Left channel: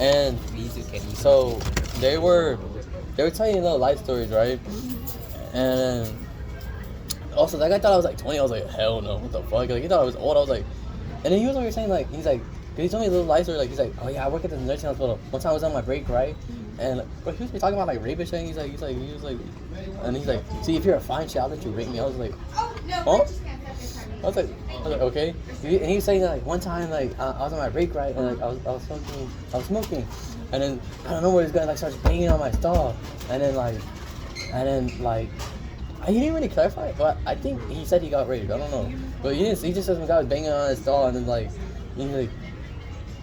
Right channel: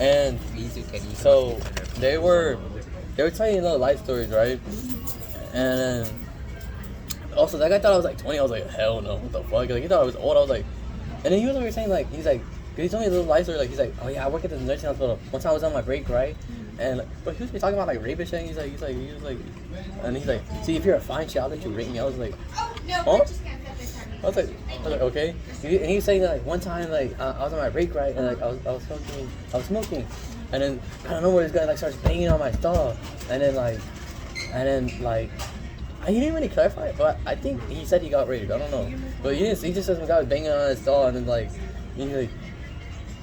And so they were telling little life stories, right? And also that guy thought I was like 20. I was like, hell no, what the fuck? Like he thought I was old. I was like, and then he was over saying like, he's like, he told me a little life story. Like he's like, oh yeah, I work at the nursing hospital. One time I was on my break, right? And but he was talking about like rape and shit. He was like, and he's like, see, if you're a fine shit, I'll let you rape me. I was like, huh? I was like, okay. And he was saying that like one time like I was on my break, right, and like I was smoking, and then I don't know where this guy like starts banging on my stall, and then he didn't really clarify, but I think he said he got raped. I don't know, but he just said some guy was banging on his stall, and then like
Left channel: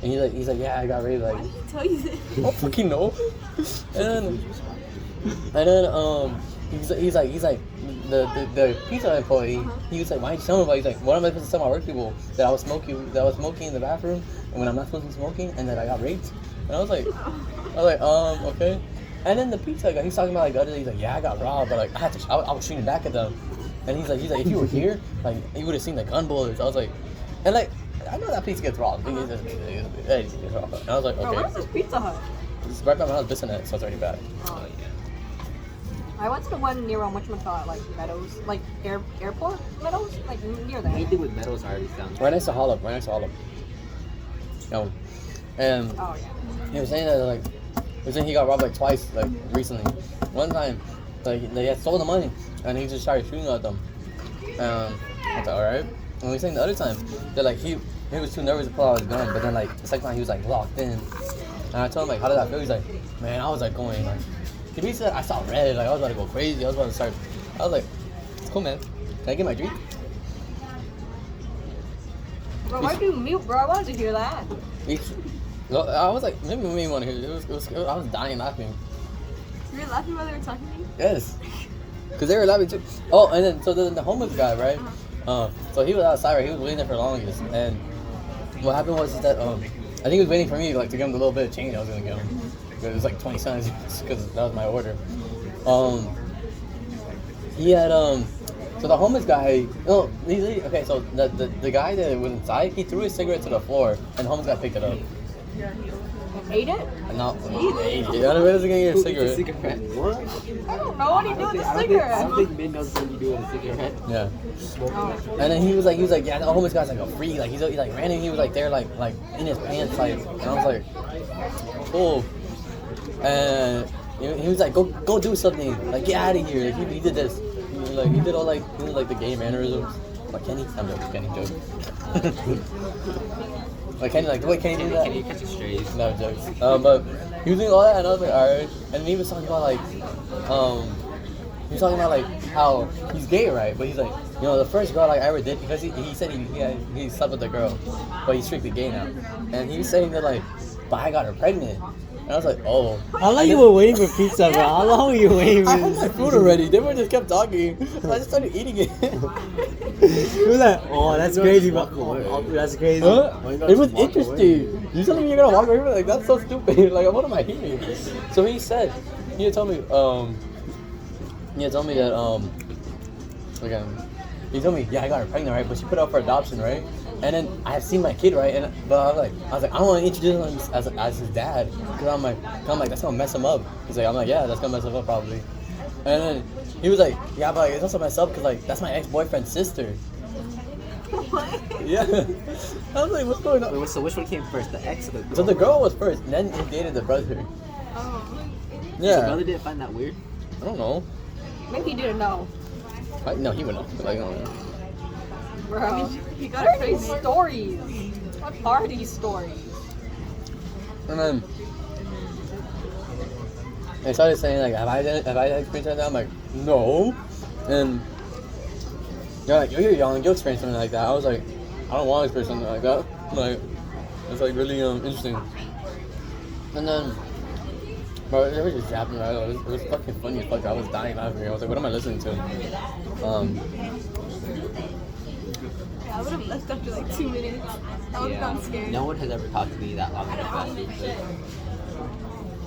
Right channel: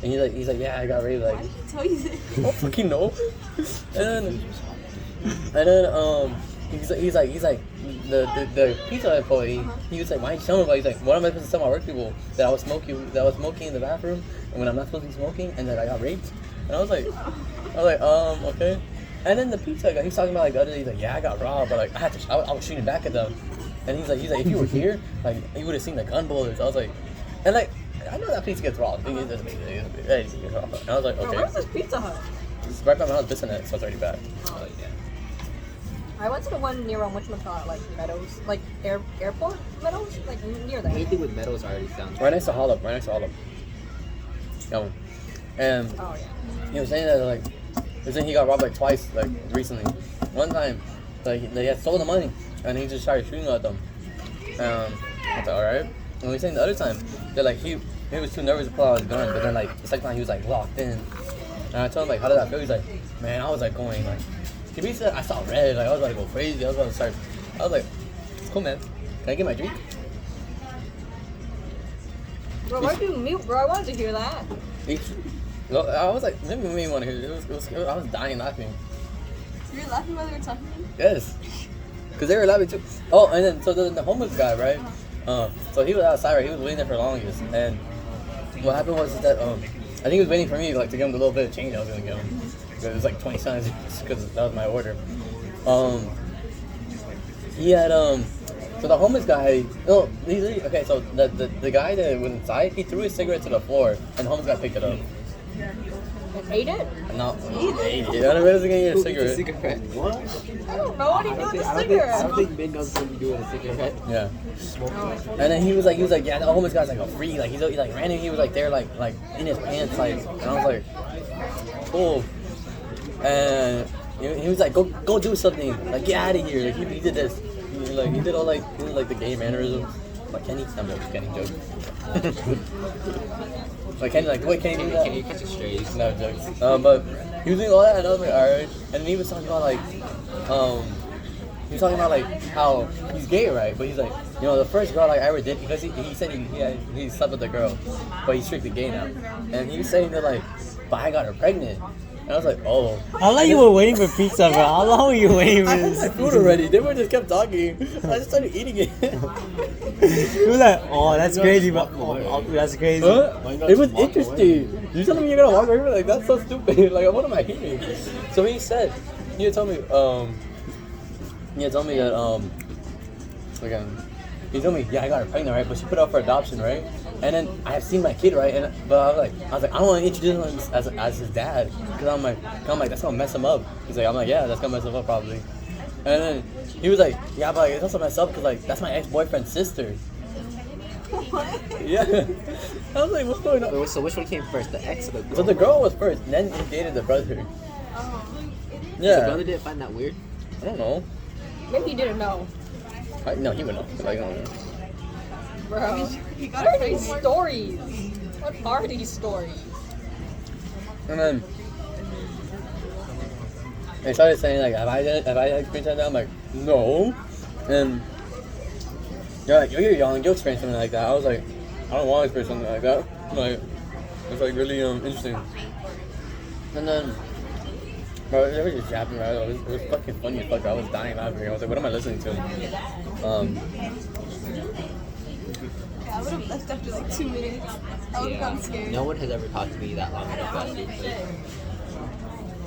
he's like yeah, I got raped. Like why did he tell you this? I don't fucking know. And then he's like the pizza employee. He was like, why didn't you tell me about it? He's like, what am I supposed to tell my work people that I was smoking in the bathroom and when I'm not supposed to be smoking and that I got raped? And I was like okay. And then the pizza guy, he's talking about like the other day, he's like, yeah, I got robbed, but like I was shooting back at them. And he's like, if you were here, like you would have seen the gun bullets. I was like, and like I know that pizza gets robbed. And I was like, okay. Bro, where's this Pizza Hut? It's right by my house, dissing it, so it's already back. Oh. I went to the one near whatchamacallit, like Meadows, like airport Meadows, like near that. Anything with Meadows already sounds Right next to Hollow. And oh yeah. he was saying that like, he got robbed like twice, like recently. One time, like they had stolen the money, and he just started shooting at them. It's alright. And he was saying the other time that like he was too nervous to pull out his gun, but then like the second time he was like locked in. And I told him like, how did that feel? He's like, man, I was like going like. To be said, I saw red, like I was about to go crazy. I was like, it's cool, man. Can I get my drink? Bro, why'd you mute, bro? I wanted to hear that. Well, I was like, maybe we want to hear it. It was I was dying laughing. You were laughing while they were talking to me? Yes. Because they were laughing too. Oh, and then, so the homeless guy, right? So he was outside, right? He was waiting there for the longest. And what happened was that, I think he was waiting for me, like, to give him the little bit of change I was going to give him. It was like 20 cents because that was my order. He had, so the homeless guy, okay, so the guy that was inside, he threw his cigarette to the floor, and the homeless guy picked it up. Ate it? No, ate it. I don't know if he was going to get a cigarette. What? I don't know what he did with the cigarette. I don't think Ben knows what you do with a cigarette. Yeah. And then he was like, yeah, the homeless guy's like a freak. Like, he like ran in, he was like there, like in his pants, like, and I was like, cool. And he was like, go do something. Like, get out of here. He did this. He did all like the gay mannerisms. Like Kenny, I'm like Kenny joke. Like Kenny, like what Kenny do that? Kenny catches strays. No jokes. But he was doing all that, and I was like, alright. And he was talking about like how he's gay, right? But he's like, the first girl like I ever did, because he said he slept with the girl, but he's strictly gay now. And he was saying that like, but I got her pregnant. And I was like, oh. How long you were waiting for pizza, bro? How long were you waiting for this? I had food already. They just kept talking. I just started eating it. He was like, oh, that's crazy, but that's crazy. Huh? It was interesting. You telling me you're gonna walk over? Like, that's so stupid. Like, what am I eating? So he had told me that, he told me, yeah, I got her pregnant, right? But she put up for adoption, right? And then I seen my kid, right? But I was like, I don't want to introduce him as his dad, because I'm like, that's gonna mess him up. I'm like, yeah, that's gonna mess him up probably. And then he was like, yeah, but it's also messed up because like that's my ex-boyfriend's sister. What? Yeah. I was like, what's going on? So which one came first, the ex or the girl? So the girl was first, and then he dated the brother. Oh. Yeah. So the brother didn't find that weird? I don't know. Maybe he didn't know. No, he would know. Like, I don't know. Bro, he got what are these stories? What are these stories? And then they started saying like, have I experienced that? I'm like, no. And they're like, you're young, you'll experience something like that. I was like, I don't want to experience something like that. Like, it's like really interesting. And then, bro, it was just happening. Right? It was fucking funny as fuck. I was dying laughing. I was like, what am I listening to? Yeah, I would have left after like 2 minutes. I would have gotten scared. No one has ever talked to me that long in a fast food place.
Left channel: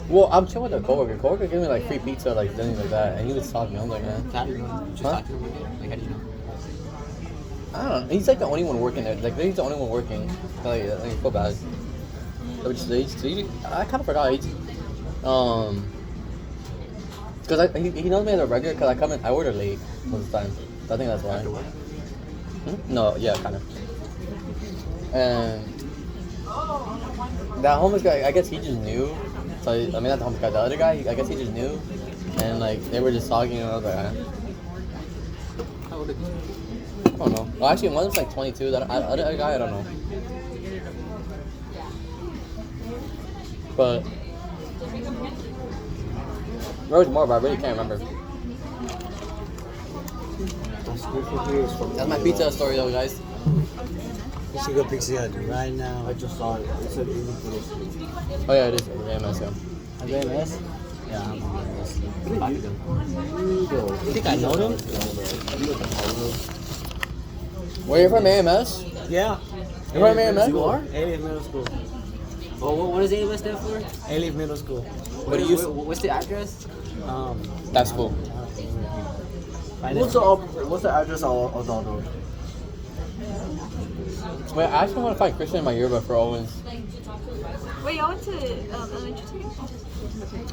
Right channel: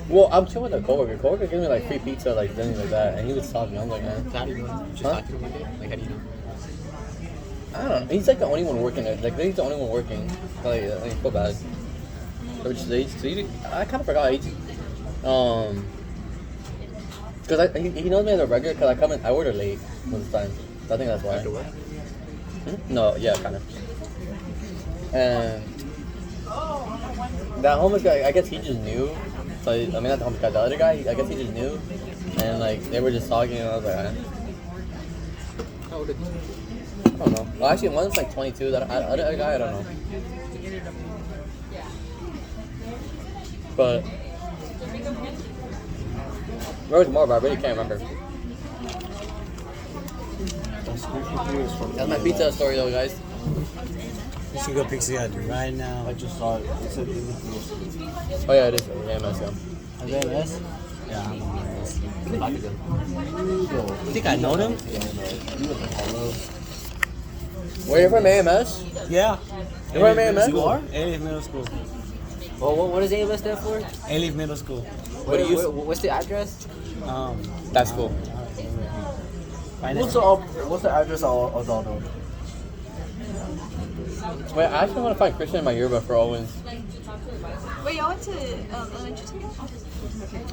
Well, I'm chill with a coworker. Coworker gave me like free pizza, like things like that, and he was talking. I'm like, man. How do you know? Just talk to him one day? Like, how do you know? I don't know. He's like the only one working there. Like, he's the only one working. Like, I feel bad. Which leads to, I kind of forgot. Because he knows me as a regular because I order late with his friends. So I think that's why. No, yeah, kind of. And that homeless guy, I guess he just knew. So, I mean, not the homeless guy, the other guy, I guess he just knew. And, like, they were just talking, and I was like, How old is he? I don't know. Well, actually, one of them's like 22. That I don't know. But there was more, but I really can't remember. That's my pizza story, though, guys. We should go Pixie Hut right now. I just saw it. It's a really cool. Oh yeah, it is. Yeah, nice one. JMS? Yeah, I'm on this. You think I know them? Where you from, AMS? Yeah. You from AMS? You are? A-Leaf Middle School. Oh, what does AMS stand for? A-Leaf Middle School. What do you? What's the address? That's cool. What's the address of the other one? Wait, I actually want to find Christian in my yearbook for Owens. Wait, y'all went to elementary together?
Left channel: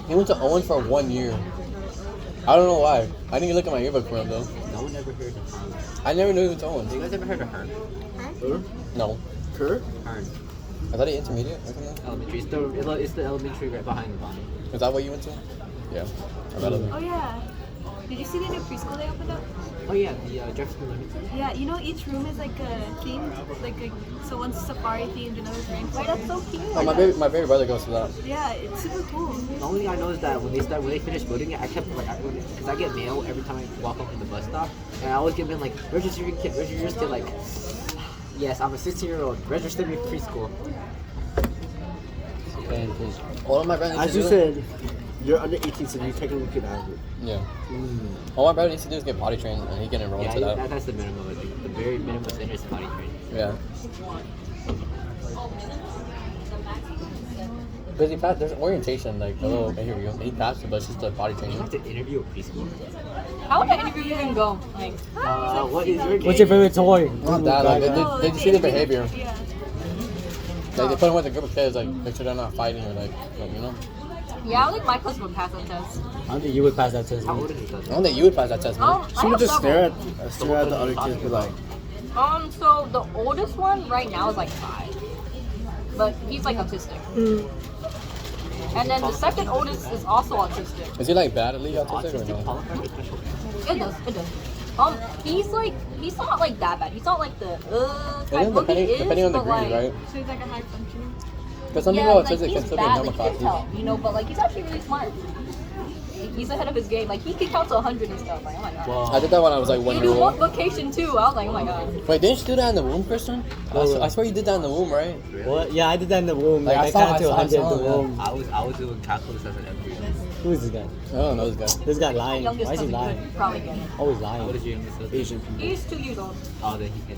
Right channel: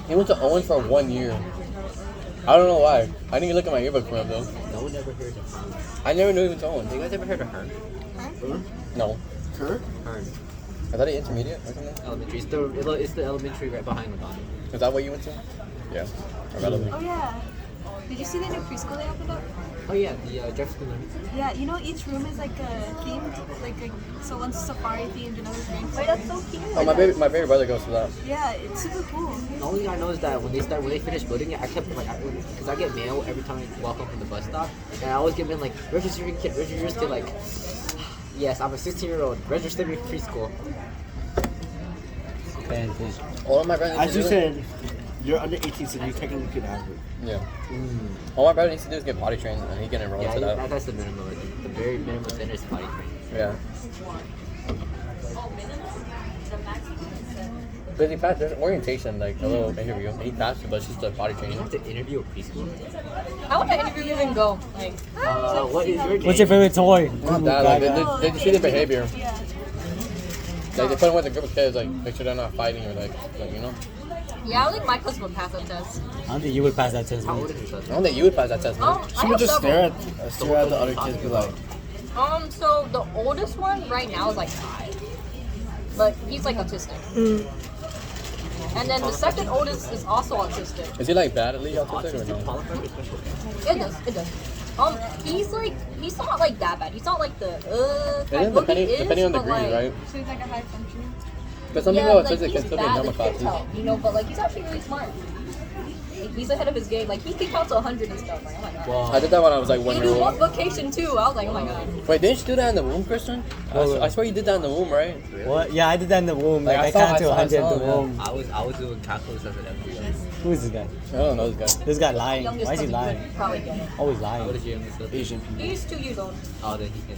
He went to Owens for 1 year. I don't know why. I didn't look at my yearbook for him though. No one ever heard of Hearn. I never knew he went to Owens. You guys ever heard of Hearn? No. Hearn? I thought he intermediate or something. Elementary. It's the elementary right behind the bottom. Is that what you went to? Yeah. I got it. Oh yeah. Did you see the new preschool they opened up? Oh yeah, the Jefferson. Yeah, you know each room is like a themed, so one's safari themed, another's rainforest. That's so cute. Oh, my baby brother goes to that. Yeah, it's super cool. The only thing I know is that when they finish building it, I kept because I get mail every time I walk up from the bus stop, and I always give them like register your kid, like, yes, I'm a 16-year-old, register me for preschool. All of my brothers. As you said, you're under 18, so you technically can have it. Yeah. All my brother needs to do is get potty trained, and he can enroll Yeah, to that. that's the minimum. Like, the very minimum standard is potty training. Yeah. Because he passed, there's orientation, like a little interview. And he passed it, but she's still potty You training. have to interview a preschool. How would that interview even go? Like, What is your game? What's your favorite toy? Not that, like, they just see the behavior. yeah. Like, they put him with a group of kids, like, make sure they're not fighting or, like you know? Yeah, I don't think my cousin would pass that test. I don't think you would pass that test. How man. old is your I don't think you would pass that test, man. Oh, She I would have just several. stare at the other kids and be like, So the oldest one right now is like 5, but he's like autistic. And then the second oldest is also autistic. Is he, like, badly autistic or no? It does. He's not like that bad. He's not like the kind of he is, depending on the but degree, like, right? so he's like a high functioner. Because some Yeah, people like autistic can he's still be bad, normal like you can classes. tell, but like he's actually really smart. He's ahead of his game. Like he can count to 100 and stuff. Like, oh my god. I did that when I was, like, 1 He year do old. multiplication too. I was like, oh my god. Wait, didn't you do that in the womb, Christian? I swear you did that in the womb, right? What? Yeah, I did that in the womb. Like, Like, I I saw- counted to I 100 in saw the that. womb. I was doing calculus as an every year. Who is this guy? I don't know this guy. This guy lying. Why Youngest is he cousin lying? could probably get it. Always What lying. is your youngest cousin? Asian people. He's 2 years old. Oh, then he can.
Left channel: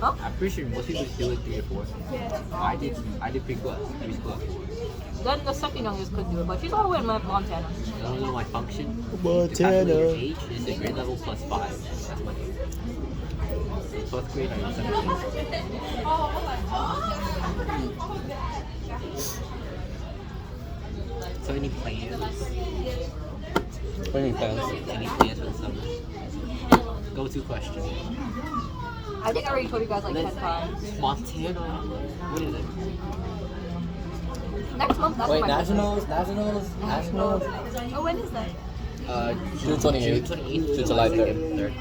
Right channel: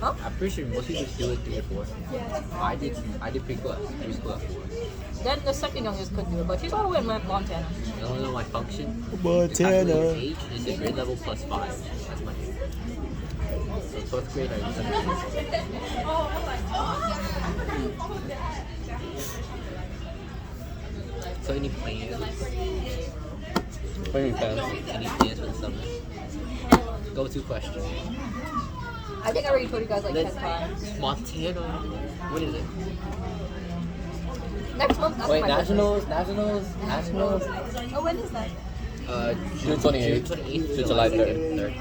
Huh? I'm pretty sure most people do it 3 or 4. I did preschool at 4. Then the second youngest could do it, but she's all the way in Montana. I don't know my function. Montana. The age is the grade level plus 5. That's my grade. So 12th grade or 7th grade. So any plans? What do you think? Any plans for the summer? Go-to question. I think I already told you guys like 10 times. Montana. What is it? Next month, that's Wait, my birthday. nationals. Oh, when is that? June 28th to July 3rd.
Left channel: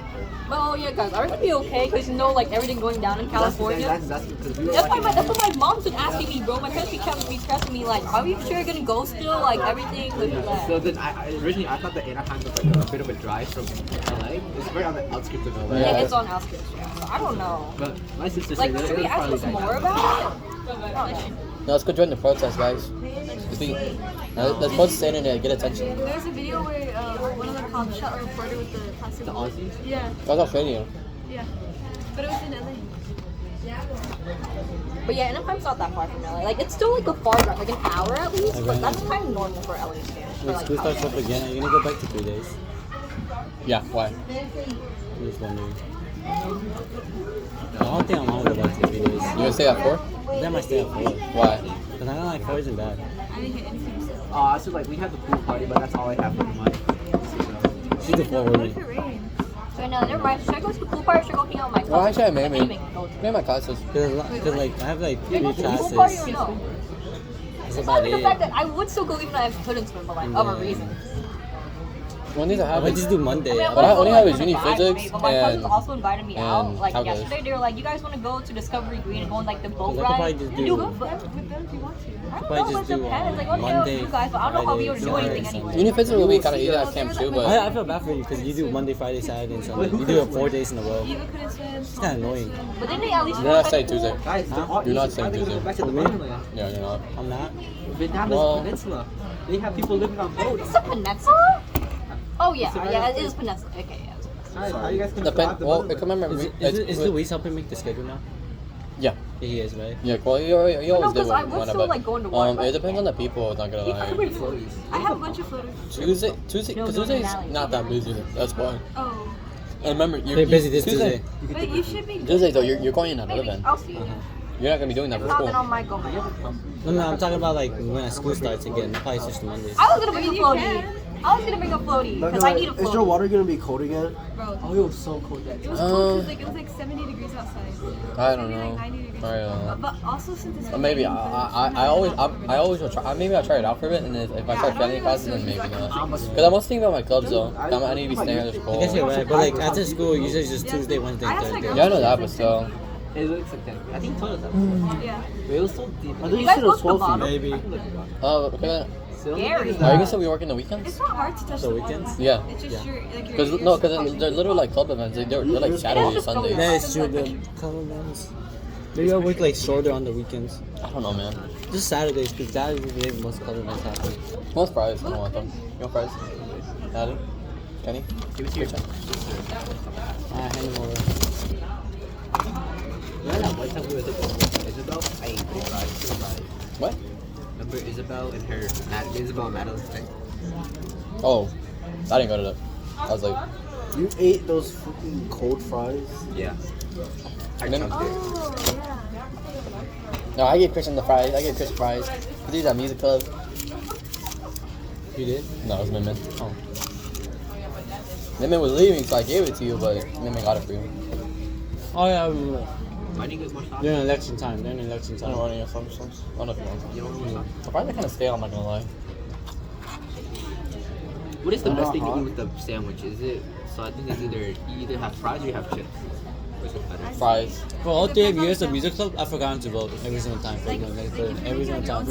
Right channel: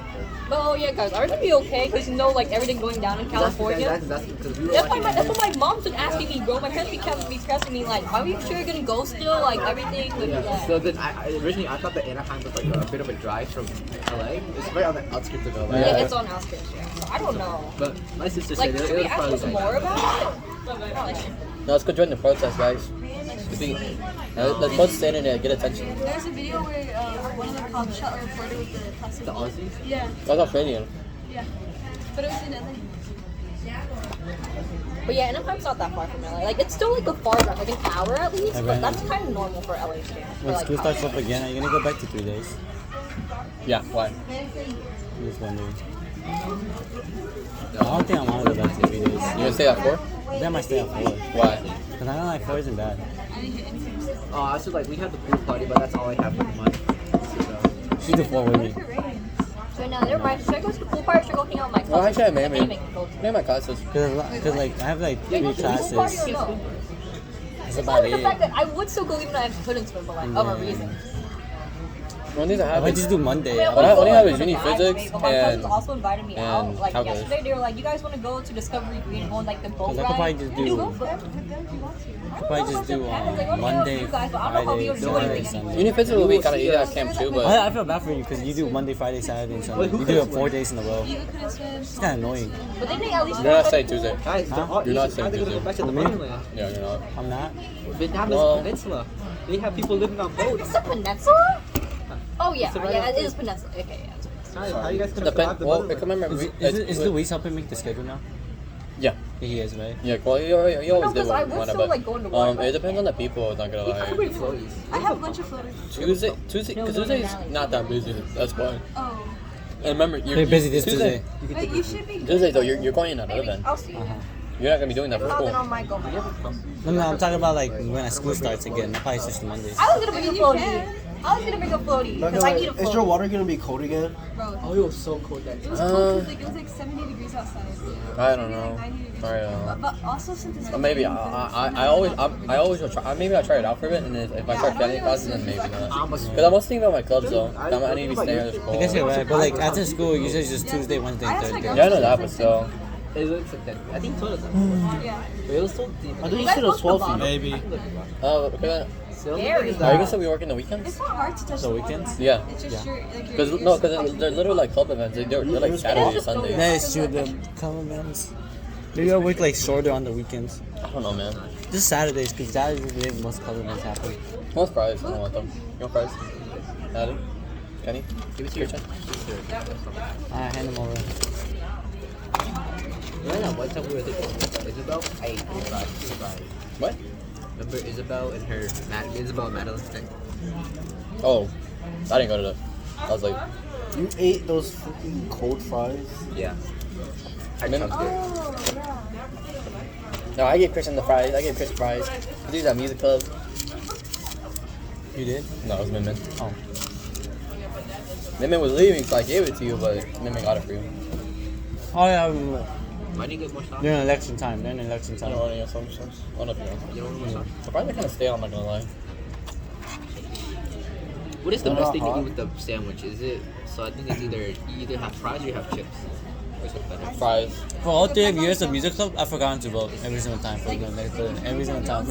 Oh yeah, guys, are we gonna be okay? Because you know, like everything going down in California. That's because we were That's watching. what my mom's been asking me, bro. My parents be stressing me, like, are we sure you're gonna go still? Like everything. Like, So then originally I thought that Anaheim was like a bit of a drive from LA. It's right on the outskirts of LA. yeah, it's on outskirts. Yeah. So I don't know. But my sister Like, said that should we it was ask probably us like more about it? No. No, let's go join the protest, guys. Let's post the internet, get attention. There's a video where one of the cops shot a reporter with the plastic the ball. Aussies. Yeah, That's Australian. yeah. But it was in LA. But yeah, Anaheim's not that far from LA. Like, it's still like a far drive, like an hour at least. But that's kind of normal for LA standards. For, When like, school starts up California. again, are you gonna go back to 3 days? Yeah, why? I'm just wondering. I don't think I want to go back to 3 days. You gonna stay at 4? I think I might stay at 4. Why? Because Cause I don't like 4 isn't bad. I didn't hit anything. I was like, we had the pool party, but that's all I have in mind. She's the 4 with What me. if it rains? So now, never mind. Should I go to the pool party or should I go hang out with my Well, cousins? actually, maybe. Anyway, go to. Maybe my classes. Cause like I have like Should I 3 go to the pool party or classes. no? That's It's about not even the it. fact that I would still go even though I couldn't swim, but like other reasons. Well, these are I happening. just do Monday. I mean, I When I wanna go, have like, is for the uni vibe, physics right? But my cousins and- also invited me out. and Like calculus. yesterday, they were like, "You guys want to go to Discovery Green and go on like the boat I could probably ride?" just You do- go for it. With them if you want to. I Probably don't know, just it do, depends. Like, what Monday, you guys, but I don't know how we would do Friday, anything Saturday, anyway. Uni physics will be kind of easy as camp too, but I feel bad for you because you do Monday, Friday, Saturday, and Sunday. You do it 4 days in a row. Eva couldn't swim. It's kind of annoying. But then they at least you're not go saying to the Tuesday. pool. Guys, Huh? they're all You're not Asian. Why are they saying gonna go back to the Tuesday. mainland? Yeah, you're not. I'm not. Vietnam Well- is a peninsula. They have people living on boats. It's a peninsula? Oh yeah, It's a yeah, it peninsula. is peninsula. Okay, yeah. It's a peninsula. How you guys gonna Depend. survive the Well, mainland? I can remember. Is Luis helping make the schedule now? Yeah. He is, right? Yeah, well, you always No, do because I would one still about- like going to water. It depends on the people. Not gonna I can bring lie. floaties. I have a bunch of floaters. Tuesday, No, Tuesday's no, not that busy. That's fine. Oh. And remember, They're busy this Tuesday. But you should be Tuesday though, good. you're going in another Maybe event. I'll see you. You're not gonna be doing that If for not, then school. I might go. No, I'm talking about like when school starts again. I'll probably switch to Mondays. I was gonna bring a You floaty. can. I was gonna bring a floaty because I need a Is your floaty. water gonna be cold again? Bro, Oh, it was so cold that it day. was cold because it was like 70 degrees outside. I don't Maybe know. like 90 degrees. I don't know. But also since it's Maybe raining, I always will try. Maybe I'll try it out for a bit, and if I Yeah, start I don't failing really classes, then like maybe switches. not. Because I'm also thinking about my clubs though. I need to be staying after school. I guess you're right, but like after school, usually it's just Tuesday, Wednesday, I and have to, like, Thursday. Yeah, I know that, but still. It looks like that. I think you told us that. Yeah. It was so deep. I thought You you guys said go it to was the 12 feet. bottom? Maybe. Oh, okay. Scary. Are you gonna still be working the weekends? It's not hard to touch The the water. weekends? Yeah. It's just your, like your, Because your no, because they're literally like club events. They're like Saturday or Sunday. Yeah, it's true. The comments. Maybe I'll work like shorter on the weekends. I don't know, man. Just Saturdays, because Saturdays is where most club events happen. Most fries. I don't want them. You want fries? Adam? Kenny? Give it to your Alright, hand them over. You know that one time we were thinking Isabel? I ate 3 fries. What? Remember Isabel and her Isabel and Madeline's thing? Oh, I didn't go to that. I was like, You ate those fucking cold fries? Yeah. I Maybe- chugged it. Oh yeah. no, I gave Christian the fries. I gave Chris fries. These are music club. You did? No, it was Mimmin. Oh. Mimmin was leaving, so I gave it to you, but Mimmin got it for you. Oh yeah, we were. Why do you get more sauce? They're in election time. They're in election I time. don't want any of some. I don't know if you want. You don't want more sauce? The fries are kind of stale, I'm not gonna lie. What is the They're best not thing to hot. eat with the sandwich? Is it, so I think it's either, you either have fries or you have chips. Which is better? Fries. For all 3 years of music club, I've forgotten to vote every single time for them. Every single time.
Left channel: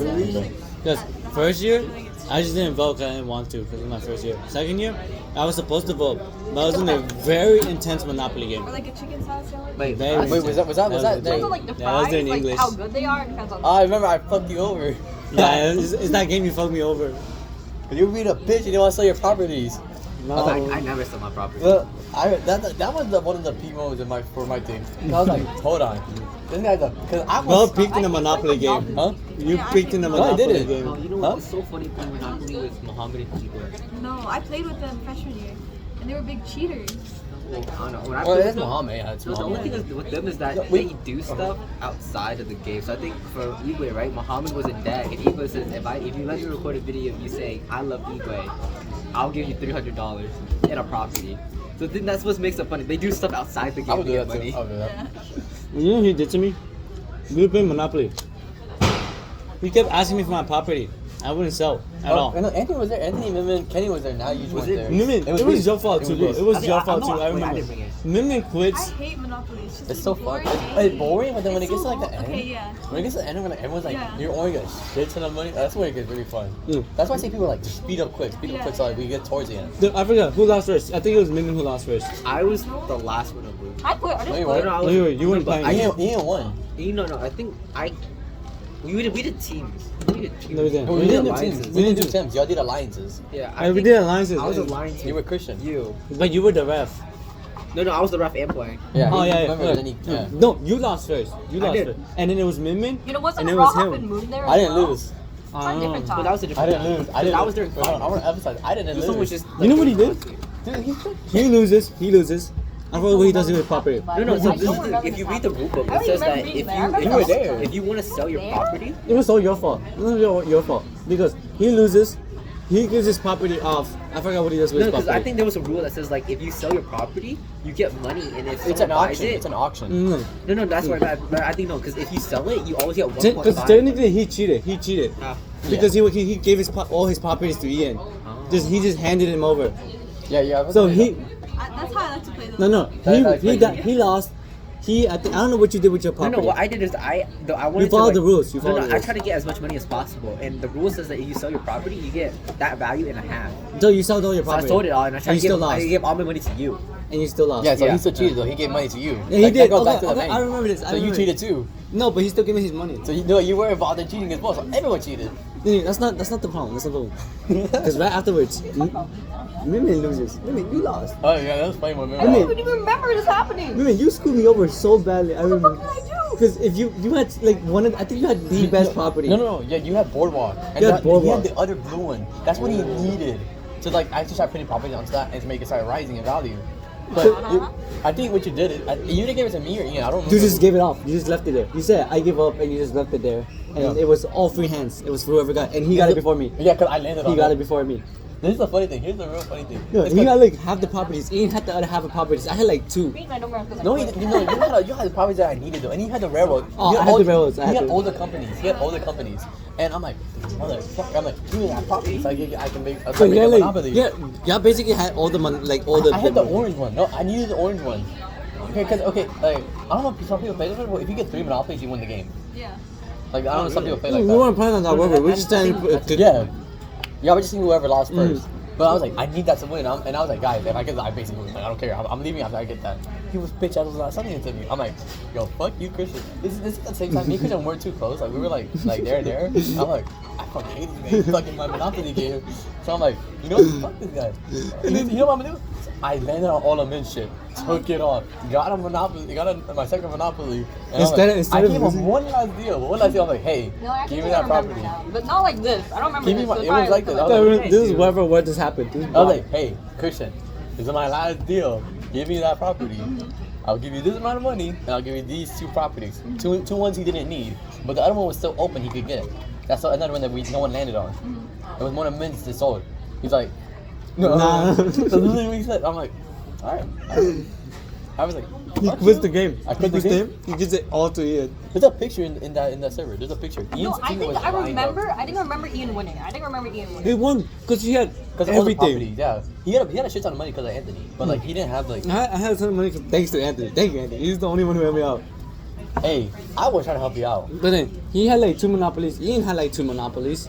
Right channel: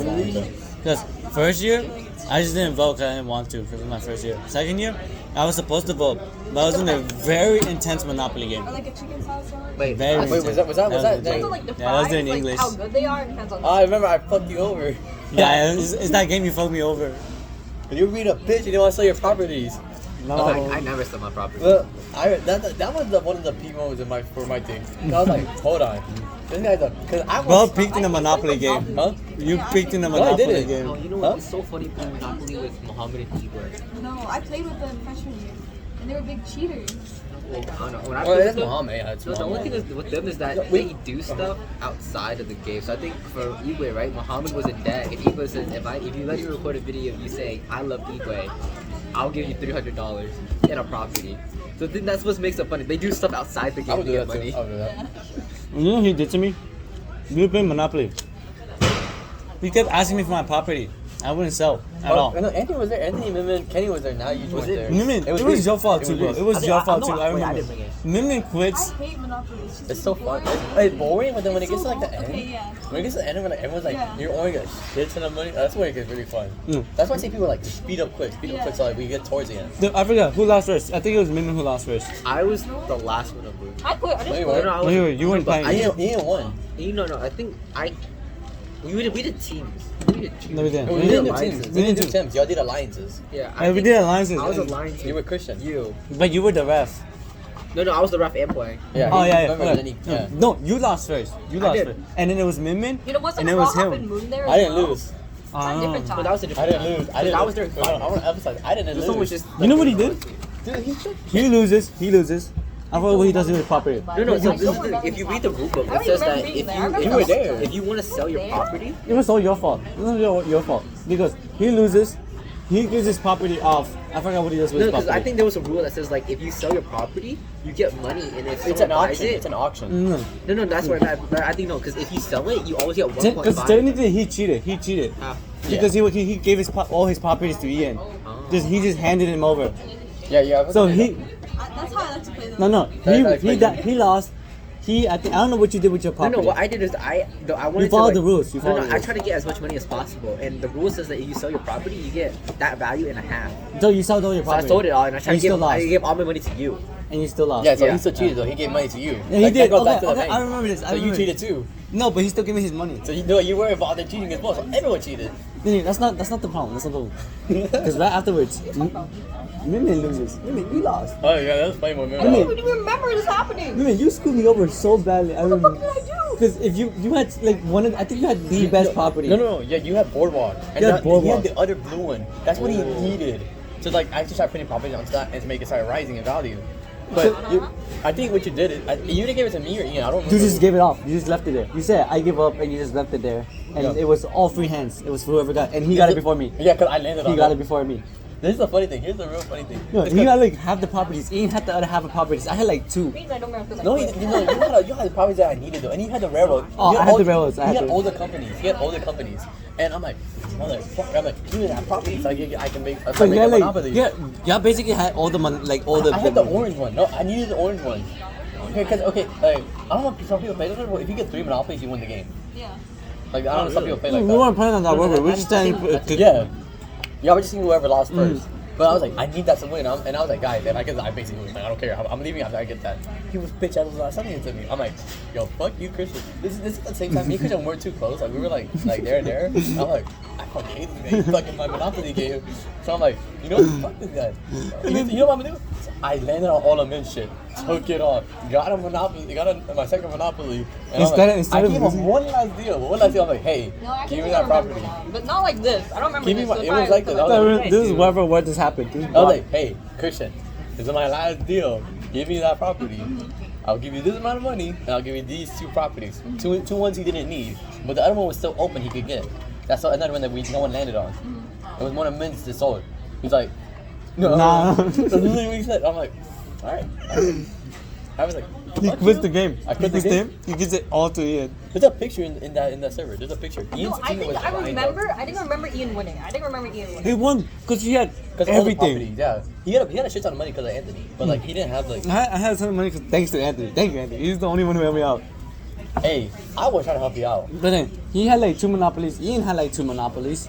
Because first year, I just didn't vote because I didn't want to because it was my first year. Second year, I was supposed to vote, but I was in a very intense Monopoly game. Or like a chicken salad sandwich. Wait, Very Wait, was that? Depends on like the Yeah, I was fries, doing like English. how good they are. It depends on. Oh, I remember I fucked you over. Yeah, it's that game you fucked me over. You beat a bitch, you didn't want to sell your properties. No. I never sell my property. Well, that was one of the peak moments for my team. I was like, hold on. This guy's because I Well, was. peaked in the Monopoly game. Huh? You peaked in the No, I Monopoly didn't. game. No, you know Huh? what? It's so funny playing Monopoly with Muhammad and Kibra. No, I played with them freshman year. And they were big cheaters. Well, I don't know. When I Well, played it's with them, Muhammad. Yeah, it's no, the only Muhammad. thing is with them is that they do stuff outside of the game. So I think for Igwe, right? Muhammad was in debt, and Igwe says, if you let me record a video of you saying I love Igwe, I'll give you $300 in a property. So then that's what makes it funny. They do stuff outside the I game would to do get that too. money. I would do that. You know what he did to me? We were playing Monopoly. He kept asking me for my property. I wouldn't sell at all. No, Anthony was there. Anthony, Mimmin, Kenny was there. Now you Was was it there. Mimin, it was your fault too, bro. It was I your think- fault I'm too. not- I wait, I remember. didn't bring it. Mimin I quits. hate Monopoly. It's just It's so boring. fun. It's boring, but then when it It's gets to so like the end, Okay, yeah. when it gets to the end, when everyone's like, Yeah. you're only a shit ton of money. That's when it gets really fun. Mm. That's why I say people are like, just speed up quick, so like we get towards the end. I forgot who lost first. I think it was Mimin who lost first. I was the last one to move. I quit. I just Wait, quit. wait. I was, Anyway, you weren't but playing. You didn't win. I think we did teams. We did teams. No, we didn't. We We didn't do didn't. teams. We We didn't do didn't do- teams. Y'all did alliances. Yeah, We did alliances. I was a line team. You were Christian. You. But you were the ref. No, I was the ref and playing. Yeah. Oh yeah, Remember, yeah. then he- yeah. No, you lost first. You I lost did. first. And then it was Mimin. You know, wasn't And it it was Rock and him. Moon there? I as didn't well? lose. On different But that times. was a I different. didn't lose. I didn't. I was during I five. was emphasizing. I didn't This one lose. was just. You know what he did? He loses. He loses. I forgot what he does with his property. No, this is the thing. If you read the rule book, I it don't says remember that being if there. I remember you, you were there. if you want to sell your property, It was all your fault. It was your fault because he loses. He gives his property off. I forgot what he does with his because property. I think there was a rule that says like if you sell your property, you get money, and if It's someone an buys auction. it, It's an auction. No, no, that's why I think no, because if you sell it, you always get because 1.5. technically he cheated. He cheated because he gave his all his properties to Ian. He just handed him over. Yeah. So he That's how I like to play them. no he lost. I don't know what you did with your No, property. what I did is I wanted You followed to, the rules. You No, followed the I rules. try to get as much money as possible, and the rule says that if you sell your property, you get that value in a half. So you sold all your So I property. sold it all, and I tried And to you give, still lost. I gave all my money to you. And you still lost. Yeah, so Yeah. he still cheated though. He gave money to you. Yeah, he Like, did. that goes back to the Okay, bank. I remember this. So you cheated too. No, but he still gave me his money. So you were involved in cheating as well. So everyone cheated. Yeah, that's not the problem. That's not the problem. Because right afterwards, Mimin loses. Mimin, you lost. Oh yeah, that's funny. I don't even remember this happening. Mimin, you screwed me over so badly. I What the remember. fuck did I do? Because if you had like I think you had the best property. No. Yeah, you had boardwalk. And You had that- Boardwalk. He had the other blue one. That's what he needed. So like, I just started putting property onto that and to make it start rising in value. But I think what you did is you didn't give it to me or Ian. I don't know. You just gave it off. You just left it there. You said I give up, and you just left it there. And Yeah. it was all free hands. It was whoever got, and he got it before me. Yeah, cause I landed on He got that. it before me. This is the funny thing. Here's the real funny thing. No, It's he 'cause- got like half the properties. Ian had the other half of properties. I had like two. Means I don't remember. No, you had the properties that I needed though, and you had the railroad. Oh, You I had all- the railroads, I You had had the- all the companies. He had all the companies, and I'm like, give me that property so I can make. So make yeah, a like monopoly. yeah, basically had all the money, like all the. I had the orange one. No, I needed the orange one. Okay, like I don't know if some people play this, but if you get 3 monopolies, you win the game. Yeah. Like I don't know if some people play We like that. weren't playing on that river. We're just standing. Yeah, we're just seeing whoever lost first. But I was like, I need that to win. And I was like, guys, if I get that, I basically win. I don't care. I'm leaving after I get that. He was bitch ass was not sending it to me. I'm like, yo, fuck you, Christian. This is at the same time. Me and Christian weren't too close. Like we were like there. I'm like, I fucking hate this guy. He fucking my Monopoly game. So I'm like, you know, fuck this guy. You know what I'm gonna do? I landed on all the mid shit. Took it off. Got a Monopoly. My second Monopoly. And Instead I of gave him losing- one last deal. I'm like, hey, No, I give think me I that remember property. now, but not like this. I don't remember Give me this. one- So it probably was like because this. I I was was- This is whatever what just happened. This is I was like, hey, Christian, this is my last deal. Give me that property. I'll give you this amount of money, and I'll give you these 2 properties. Two ones he didn't need, but the other one was still open. He could get. That's another one that no one landed on. It was one of Min's that sold. He's like, no. Nah. That's literally what he said. I'm like, all right. I was like, he fuck quits you. the game. I He quit the quits the game. game. He gives it all to Ian. There's a picture in that server. There's a picture. No, Ian's I team think was I lined up. remember. I didn't remember Ian winning. I didn't remember Ian He winning. won because he had 'Cause all the everything. properties, yeah. He had a shit ton of money because of Anthony, but like he didn't have like. I had some money thanks to Anthony. Thank you, Anthony. He's the only one who helped me out. Hey, I was trying to help you out. But then he had like 2 monopolies. Ian had like 2 monopolies,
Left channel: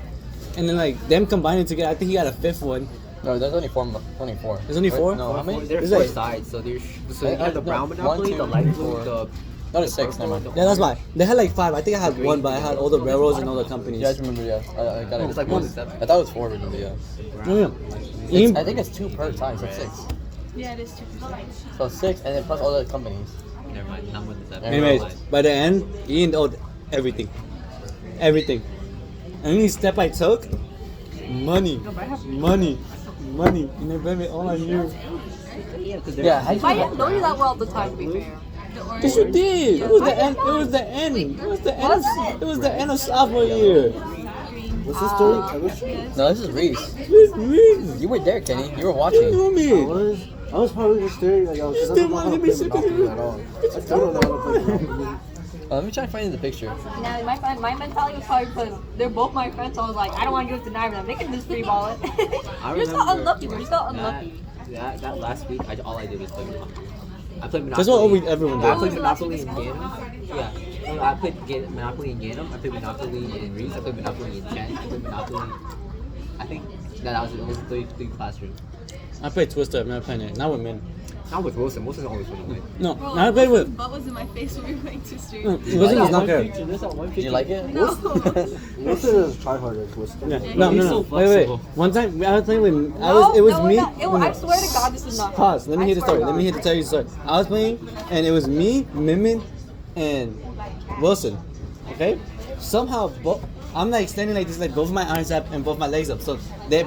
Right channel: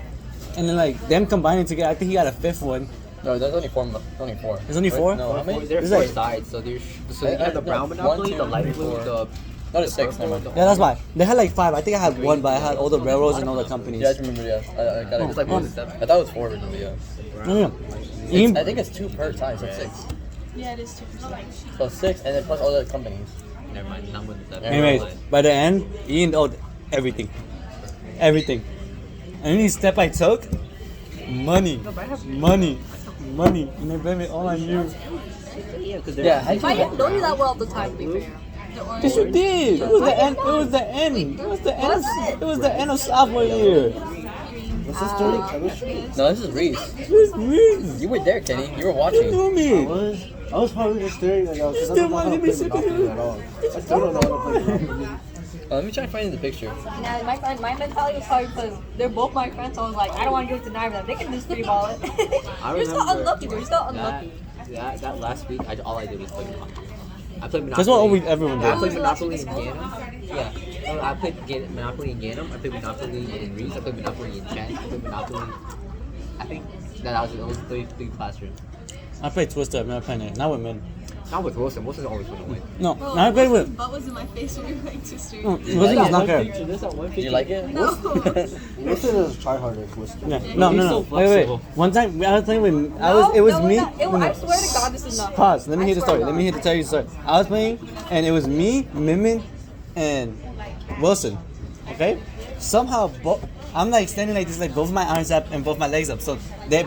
and then like them combining together, I think he had a 5th one. No, there's only 4. Only 4. There's only 4? No, how many? There's There's 4 like- sides, so there's you have the brown No, monopoly, 1, the 2, light 3, blue, 4. the No, there's 6. Never mind. Yeah, that's why. They had like 5. I think I had 1, but I had all the railroads and all the companies. Yeah, I just remember. Yeah, I got it. It's like Oh, 1 step. I thought it was 4 originally. Yeah. No. Ian, I think it's 2 per time, so it's 6. Yeah, it is 2%. So 6, and then plus all the companies. Never mind, not with the anyways, by the end, Ian owed everything. Everything. Only step I took, money. And they blame it all on you. Yeah, because Yeah, I But I didn't know you that well at the time, to be fair. The orange. Yes, you did. It was I the didn't end. know. It was the end. It was the end. Was it? It was the end of sophomore year. What's the story? No, this is Reese. It was me. You were there, Kenny. You were You watching. knew me. I was probably just staring like I was just Still I don't know how wanted to to be play sick of Monopoly you. at all. I still don't know how to play Monopoly. Let me try to find the picture. Now, my mentality was probably because they're both my friends, so I was like, I don't want to give it to neither of them. They can just free ball it. I You just got remember unlucky, bro. You just got unlucky. that last week, all I did was play Monopoly. I played Monopoly. That's what always everyone I does. played Was it last Monopoly week in at school? Ganem. Yeah. No, I played Monopoly in Ganem. I played Monopoly in Reese. I played Monopoly in Chen. I played Monopoly. I think that was 33 classroom. I played Twister. I've never played it. Not with men. Not with Wilson. Wilson always went away. No, Bro, not played with. butt was in my face when we were playing Twister. No, Wilson was not there. Did you like it? No. Wilson is tryharder Twister. No. He's so Wait. flexible. One time I was playing with. No, It was no, me. not. I swear to God, this is not. Pause. Let me I hear the swear story. to Let me God. hear to tell you the story. I was playing, and it was me, Mimin, and Wilson. Okay. Somehow, I'm like standing like this, like both my arms up and both my legs up. So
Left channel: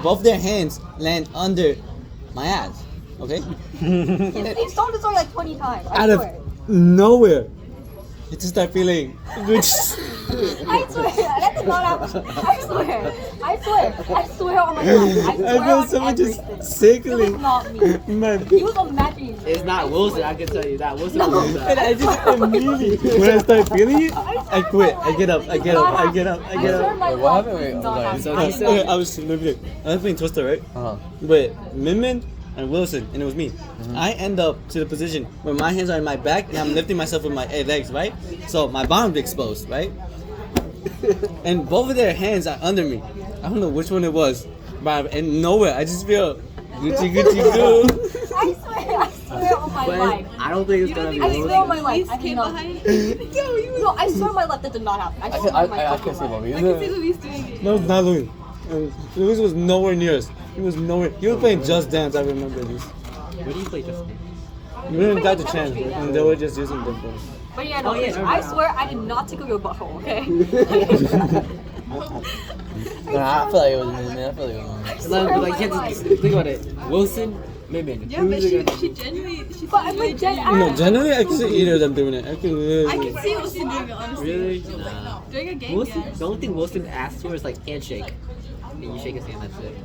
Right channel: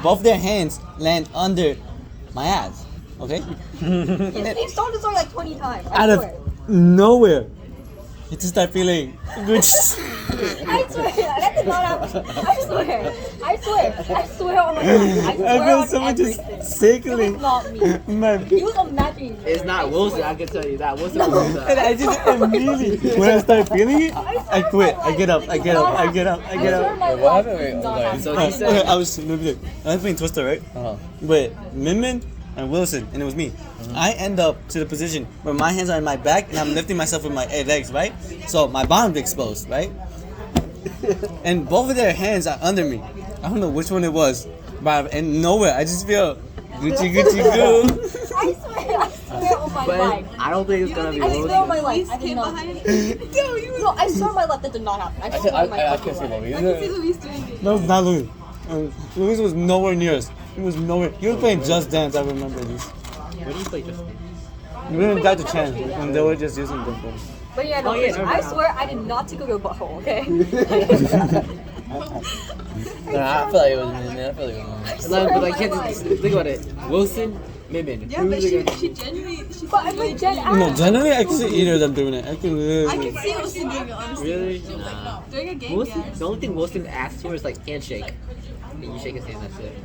both their hands land under my ass. Okay? He's told the story like 20 times. I Out of swear. nowhere, you just start feeling good. I swear, that did not happen. I swear. I swear on my life. I swear I feel on so much everything. It was sickly. not me. Man. He was imagining. It's not Wilson, I can tell you that. Wilson No. was And that. I just immediately, when I start feeling it, I quit. I get up. I get up. I get up. I I get swear up. my Wait, what life happened? Wait, did not okay. happen. So I he swear. said- I was playing Twister, right? Uh-huh. With Min Min and Wilson, and it was me. I end up to the position where my hands are on my back and I'm lifting myself with my legs, right? So my bottom's exposed, right? And both of their hands are under me. I don't know which one it was, but and nowhere. I just feel Gucci goo. I swear on my But life. I don't think it's gonna be I swear on Wilson. my life. I did not. No, I swear on my life that did not happen. I I swear on my can't fucking see life. Louis. I can see Luis doing it. No, not Louis. Louis was nowhere near us. He was nowhere. He was playing Just Dance. I remember this. Where do you play Justin? We didn't got the chance, and they were just using them. But yeah, no, Oh, yeah, I swear I did not tickle your butthole, okay? No, I feel like it was me, man. I feel like it was me. swear Like, on like, my think life. about it. Wilson, Min. Yeah, but she genuinely, she But I'm like dead No, ass. generally I can see either of them doing it. I can. I can see Wilson doing it, honestly. Really? During a game, Wilson, yeah. the only thing Wilson asks for is like handshake. And you shake his hand, that's it.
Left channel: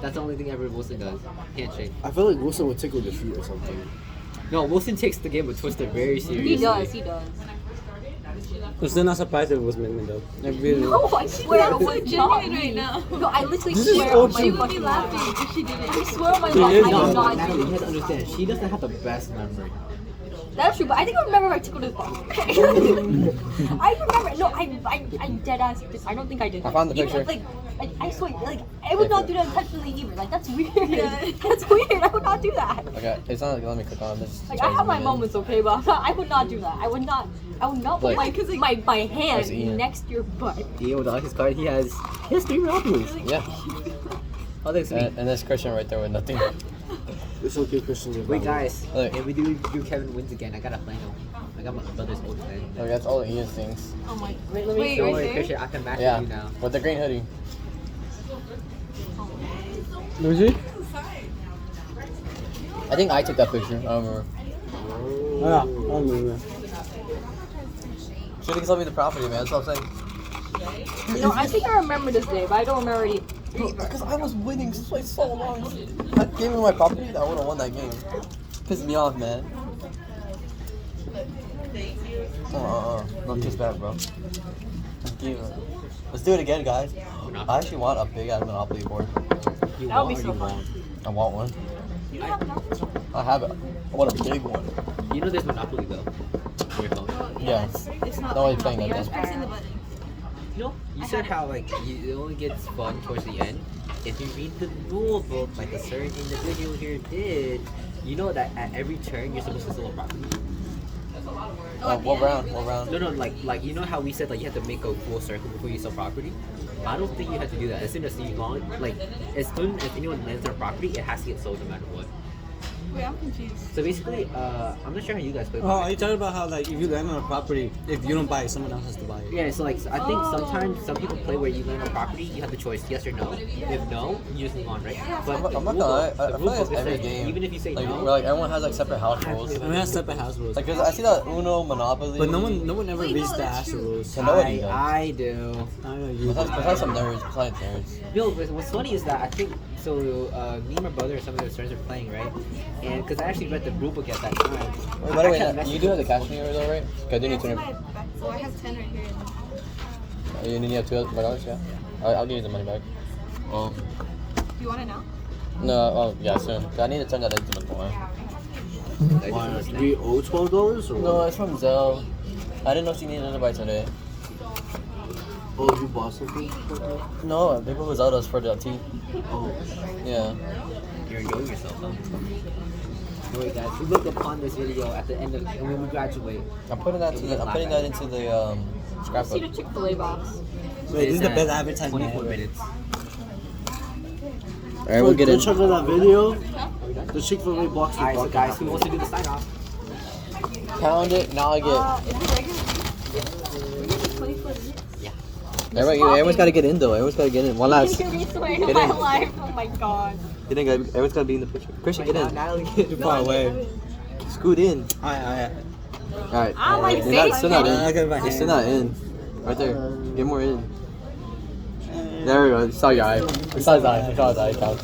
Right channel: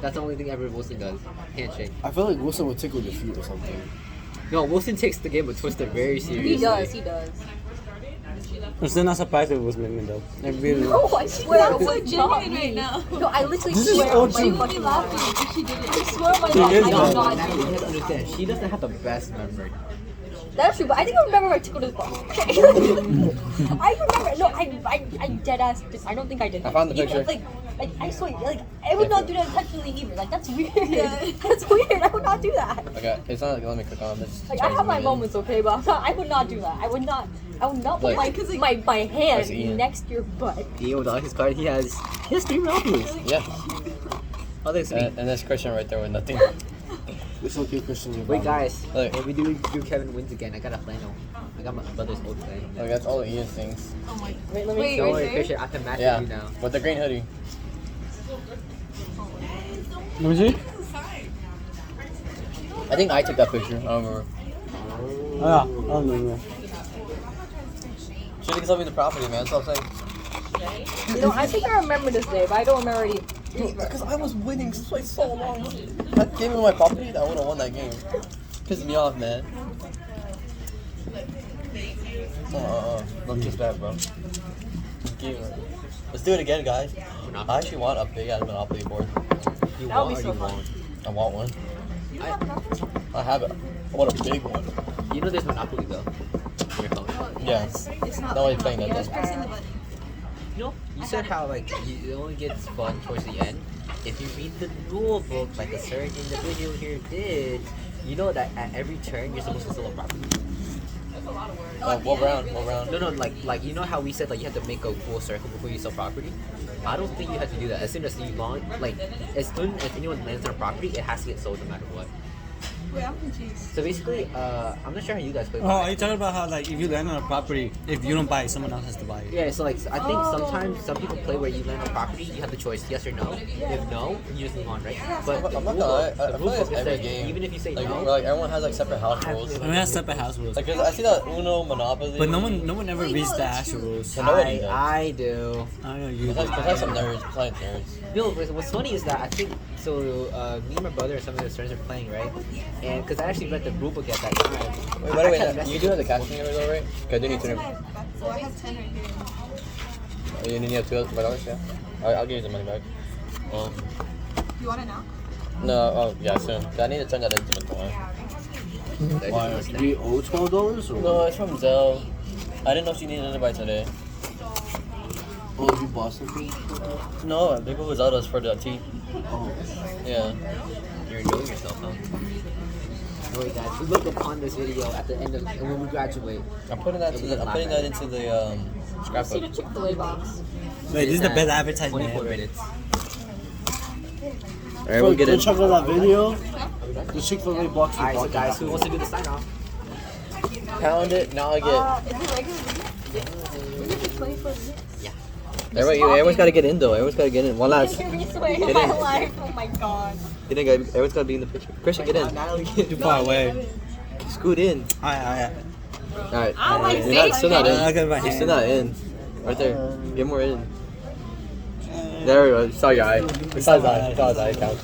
That's the only thing ever Wilson does. Handshake. I feel like Wilson would tickle your feet or something. No, Wilson takes the game with Twister very seriously. He does. I'm still not surprised if it was Min Min though. I really. No, I swear it It's so was not genuine me. right now. No, I literally This is swear on OG. my She would be fucking laughing life. if she did I it. swear on my She life, is I not. did not Now do you it. have to understand, she doesn't have the best memory. That's true, but I think I remember I tickled his butt. I remember. No, I dead ass. I don't think I did. I found the Even, picture. Like, I swear, like, I would not do that intentionally either. Like, that's weird. Yeah. That's weird. I would not do that. Okay, it's not like let me click on this. Like, I have my moments, okay, but I would not do that. I would not put Like- my hand Where's Ian? next to your butt. Dio, the his card, he has 3 Rockets. Yeah, Oh, thanks, me. and there's Christian right there with nothing. It's okay, Christian. Wait, guys. Look. If we do Kevin wins again, I got a flannel. I got my brother's old thing. Like that's all Ian's things. Oh my. Wait, let me Wait, show Don't right worry, there? Christian, I can match Yeah, with you now. with the green hoodie. Let me see. I think I took that picture. I don't remember. Oh, yeah. I don't remember. She didn't tell me the property, man. That's what I'm saying. You know, I think I remember this day, but I don't remember it either. Because I was winning for so long. I gave him my property. I would have won that game. Pissed me off, man. Don't kiss back, bro. Let's do it again, guys. I actually want a big ass Monopoly board. You That would be want so or you fun. won't? I want one. You don't have enough? I have it. I want a big one. You know there's Monopoly though. Your phone. Yeah. It's not. No, it's playing like Just that. pressing the button. You know, you said how like it only gets fun towards the end. If you read the rule book like a certain individual here did, you know that at every turn you're supposed to sell a property. What round? What round? No, like you know how we said like you have to make a full circle before you sell property. I don't think you have to do that. As soon as you launch, like as soon as anyone lands on a property, it has to get sold no matter what. Wait, I'm confused. So basically, I'm not sure how you guys play. Oh, are you talking about how like if you land on a property, if you don't buy it, someone else has to buy it? Yeah, so like I think sometimes some people play where you land on property, you have the choice yes or no. If no, you just leave on, right? But the I'm not rule gonna lie. book, I the feel rule like book it's is every that game. even if you say Like, no, like everyone has like separate house rules. We have separate house rules, Like, 'cause I see that Uno, Monopoly. but no one ever Wait, no, reads the that's actual true. rules. And nobody does. I do. I don't use Besides, it. besides some nerds, besides nerds. No, what's funny is that I think so. Me and my brother and some of his friends are playing, right? And because I actually read the rule book at that time. Wait, by the way, you do have the cash in yours, right? Okay, I do need What's in to. my back? Oh, I have 10 right here. You need to have $2, yeah? I'll give you the money back. You want it now? No, oh, yeah, soon. I need to turn that into the coin. Why? Do we owe $12 or No, what? it's from Zell. I didn't know she needed it by today. Oh, you bought something? No, I think it was Zelda's for the tea. Oh. Yeah. You're enjoying yourself, though. Alright, guys, we look upon this video at the end of when we graduate. I'm putting that into the, Let's see the scrapbook. Chick-fil-A box. Wait, this is the It's best at advertisement 24 ever. minutes. Alright, we'll get Go it. check out that video. The Chick-fil-A box. Alright, so guys, who wants to do the sign off? Pound it, now I get. Is it regular? We get to play for it. Everyone's got to get in though. Everyone's got to get in. One last. Can you hear me swear Get in my in. life? Oh my god. Get in, guys. Everyone's got to be in the picture. Christian, get in. Too far away. Scoot in. Alright. Alright. Ow, my You're not, face, still not in. Okay, bye. You're still not in. Right there. Get more in. There we go. Saw your eye. We saw his eye. We saw his eye count.